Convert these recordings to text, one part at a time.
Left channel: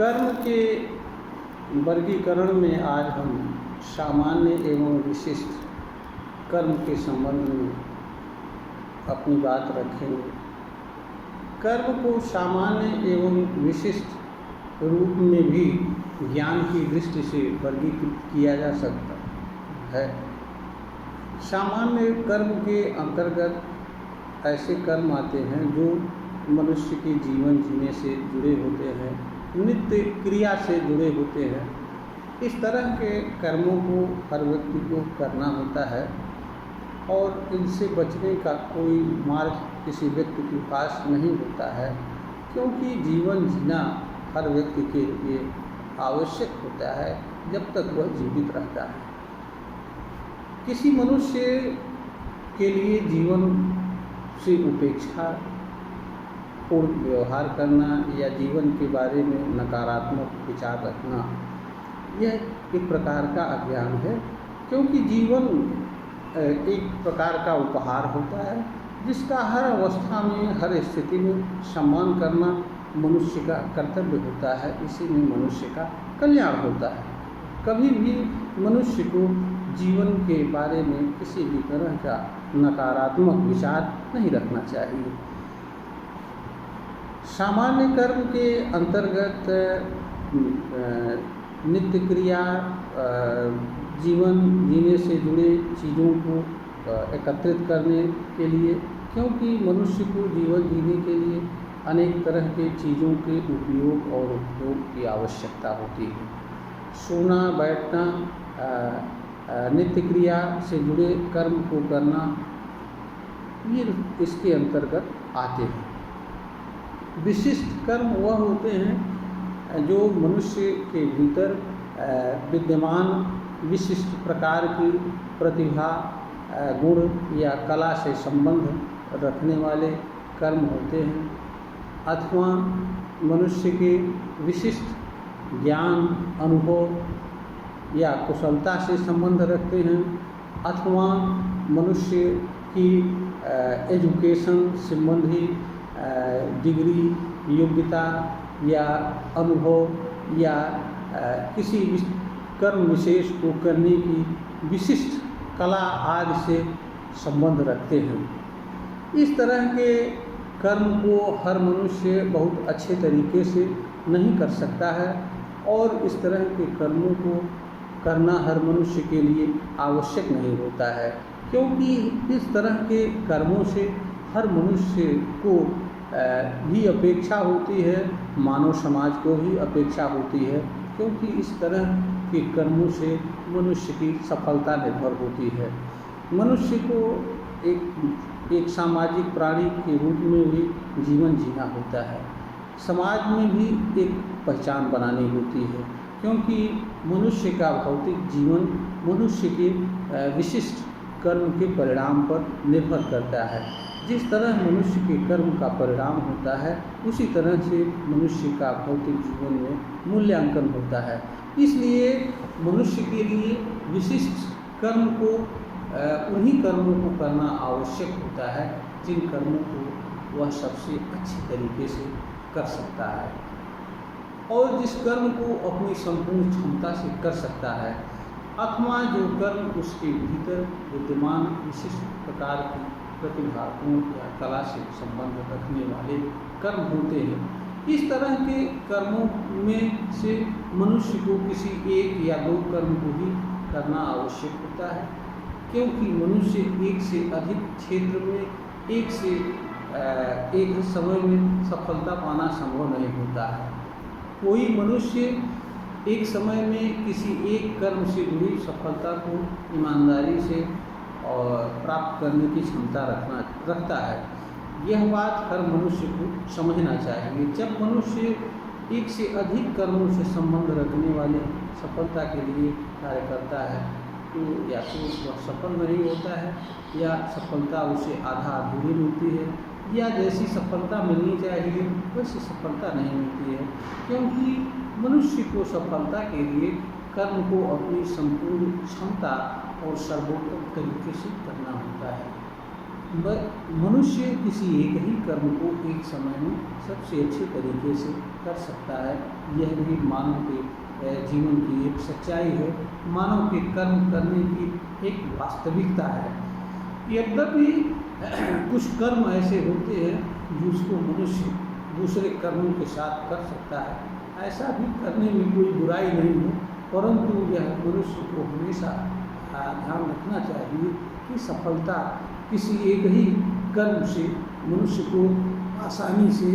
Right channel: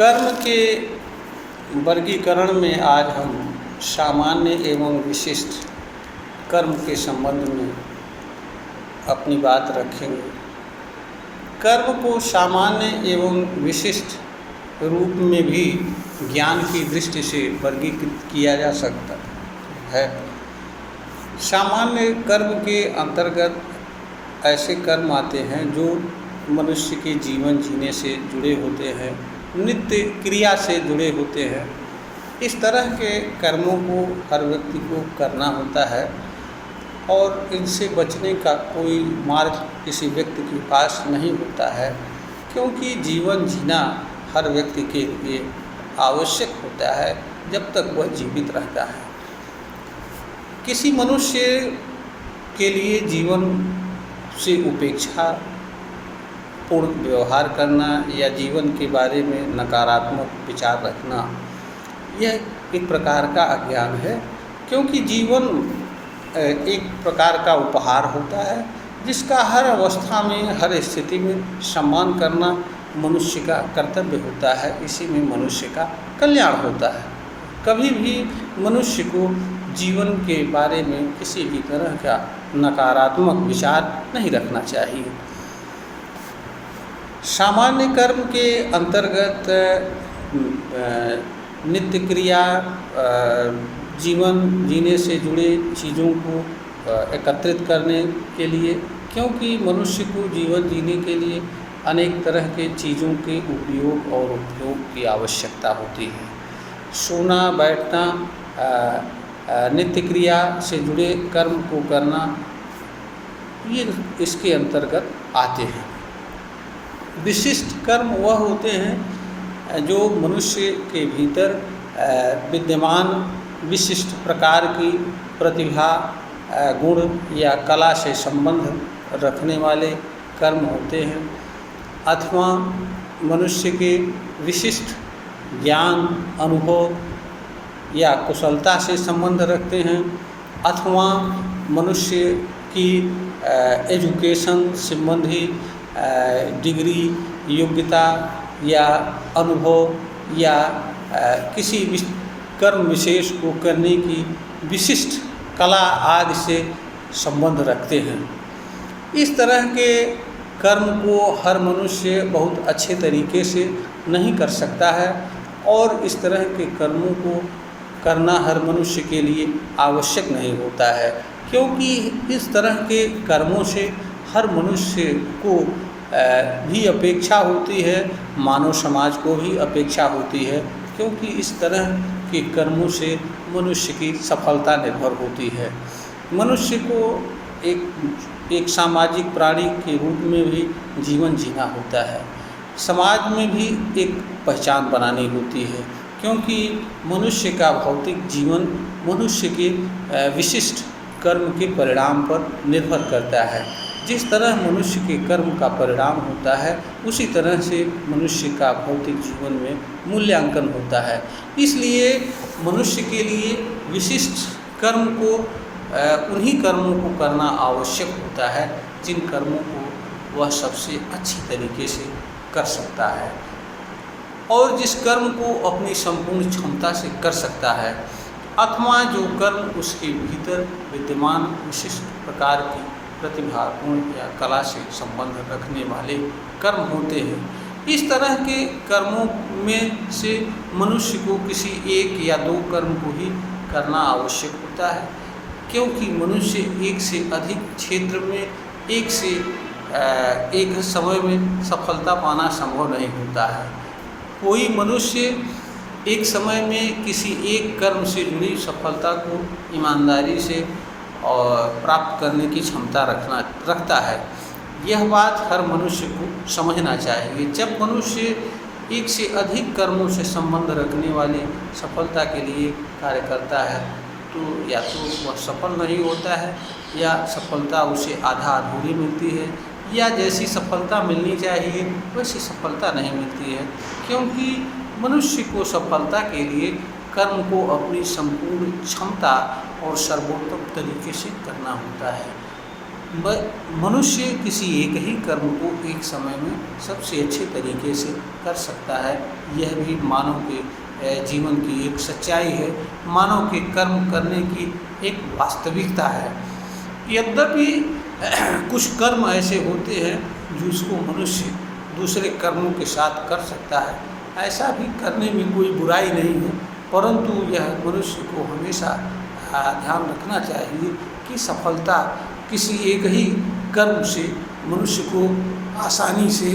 कर्म के वर्गीकरण में आज हम सामान्य एवं विशिष्ट कर्म के संबंध में अपनी बात रखेंगे। कर्म को सामान्य एवं विशिष्ट रूप में भी ज्ञान की दृष्टि से वर्गीकृत किया जा सकता है। सामान्य कर्म के अंतर्गत ऐसे कर्म आते हैं जो मनुष्य के जीवन जीने से जुड़े होते हैं, नित्य क्रिया से जुड़े होते हैं। इस तरह के कर्मों को हर व्यक्ति को करना होता है और इनसे बचने का कोई मार्ग किसी व्यक्ति के पास नहीं होता है, क्योंकि जीवन जीना हर व्यक्ति के लिए आवश्यक होता है जब तक वह जीवित रहता है। किसी मनुष्य के लिए जीवन से उपेक्षा पूर्ण व्यवहार करना या जीवन के बारे में नकारात्मक विचार रखना यह एक प्रकार का अज्ञान है, क्योंकि जीवन एक प्रकार का उपहार होता है जिसका हर अवस्था में, हर स्थिति में सम्मान करना मनुष्य का कर्तव्य होता है। इसी में मनुष्य का कल्याण होता है। कभी भी मनुष्य को जीवन के बारे में किसी भी तरह का नकारात्मक विचार नहीं रखना चाहिए। सामान्य कर्म के अंतर्गत नित्य क्रिया, जीवन जीने से जुड़े चीज़ों को एकत्रित करने के लिए, क्योंकि मनुष्य को जीवन जीने के लिए अनेक तरह के चीज़ों के उपयोग और उपयोग की आवश्यकता होती है। सोना, बैठना, नित्य क्रिया से जुड़े कर्म को करना, ये इसके अंतर्गत आते हैं। विशिष्ट कर्म वह होते हैं जो मनुष्य के भीतर विद्यमान विशिष्ट प्रकार की प्रतिभा, गुण या कला से संबंध रखने वाले कर्म होते हैं, अथवा मनुष्य के विशिष्ट ज्ञान, अनुभव या कुशलता से संबंध रखते हैं, अथवा मनुष्य की एजुकेशन संबंधी डिग्री, योग्यता या अनुभव या किसी कर्म विशेष को करने की विशिष्ट कला आदि से संबंध रखते हैं। इस तरह के कर्म को हर मनुष्य बहुत अच्छे तरीके से नहीं कर सकता है और इस तरह के कर्मों को करना हर मनुष्य के लिए आवश्यक नहीं होता है, क्योंकि इस तरह के कर्मों से हर मनुष्य को भी अपेक्षा होती है, मानव समाज को भी अपेक्षा होती है, क्योंकि इस तरह के कर्मों से मनुष्य की सफलता निर्भर होती है। मनुष्य को एक सामाजिक प्राणी के रूप में भी जीवन जीना होता है, समाज में भी एक पहचान बनानी होती है, क्योंकि मनुष्य का भौतिक जीवन मनुष्य के विशिष्ट कर्म के परिणाम पर निर्भर करता है। जिस तरह मनुष्य के कर्म का परिणाम होता है, उसी तरह से मनुष्य का भौतिक जीवन में मूल्यांकन होता है। इसलिए मनुष्य के लिए विशिष्ट कर्म को, उन्हीं कर्मों को करना आवश्यक होता है जिन कर्मों को वह सबसे अच्छी तरीके से कर सकता है और जिस कर्म को अपनी संपूर्ण क्षमता से कर सकता है, अथवा जो कर्म उसके भीतर विद्यमान विशिष्ट प्रकार की प्रतिभा, गुण या कला से संबंध रखने वाले कर्म होते हैं। इस तरह के कर्मों में से मनुष्य को किसी एक या दो कर्म को ही करना आवश्यक होता है, क्योंकि मनुष्य एक से अधिक क्षेत्र में एक समय में सफलता पाना संभव नहीं होता है। कोई मनुष्य एक समय में किसी एक कर्म से जुड़ी सफलता को ईमानदारी से और प्राप्त करने की क्षमता रखता है। यह बात हर मनुष्य को समझना चाहिए। जब मनुष्य एक से अधिक कर्मों से संबंध रखने वाली सफलता के लिए कार्य करता है, तो या तो वह सफल नहीं होता है या सफलता उसे आधा अधूरी मिलती है, या जैसी सफलता मिलनी चाहिए वैसी सफलता नहीं मिलती है, क्योंकि मनुष्य को सफलता के लिए कर्म को अपनी संपूर्ण क्षमता और सर्वोत्तम तरीके से करना होता है। मनुष्य किसी एक ही कर्म को एक समय में सबसे अच्छे तरीके से कर सकता है। यह भी मानव के जीवन की एक सच्चाई है, मानव के कर्म करने की एक वास्तविकता है। यद्यपि कुछ कर्म ऐसे होते हैं जिसको मनुष्य दूसरे कर्मों के साथ कर सकता है, ऐसा भी करने में कोई बुराई नहीं है, परंतु यह मनुष्य को हमेशा ध्यान रखना चाहिए कि सफलता किसी एक ही कर्म से मनुष्य को आसानी से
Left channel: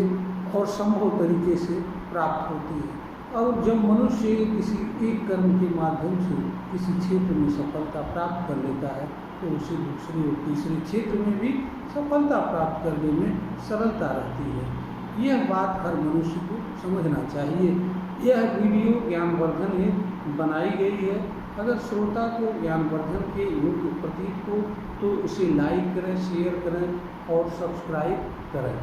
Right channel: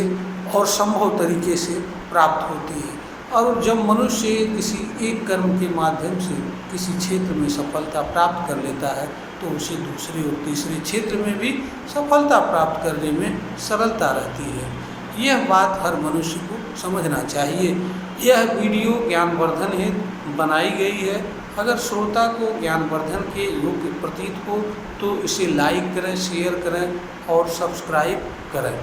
और संभव तरीके से प्राप्त होती है। और जब मनुष्य किसी एक कर्म के माध्यम से किसी क्षेत्र में सफलता प्राप्त कर लेता है तो उसे दूसरे और तीसरे क्षेत्र में भी सफलता प्राप्त करने में सरलता रहती है। यह बात हर मनुष्य को समझना चाहिए। यह वीडियो ज्ञानवर्धन हेतु बनाई गई है। अगर श्रोता को ज्ञानवर्धन के योग्य प्रतीत हो तो इसे लाइक करें, शेयर करें और सब्सक्राइब करें।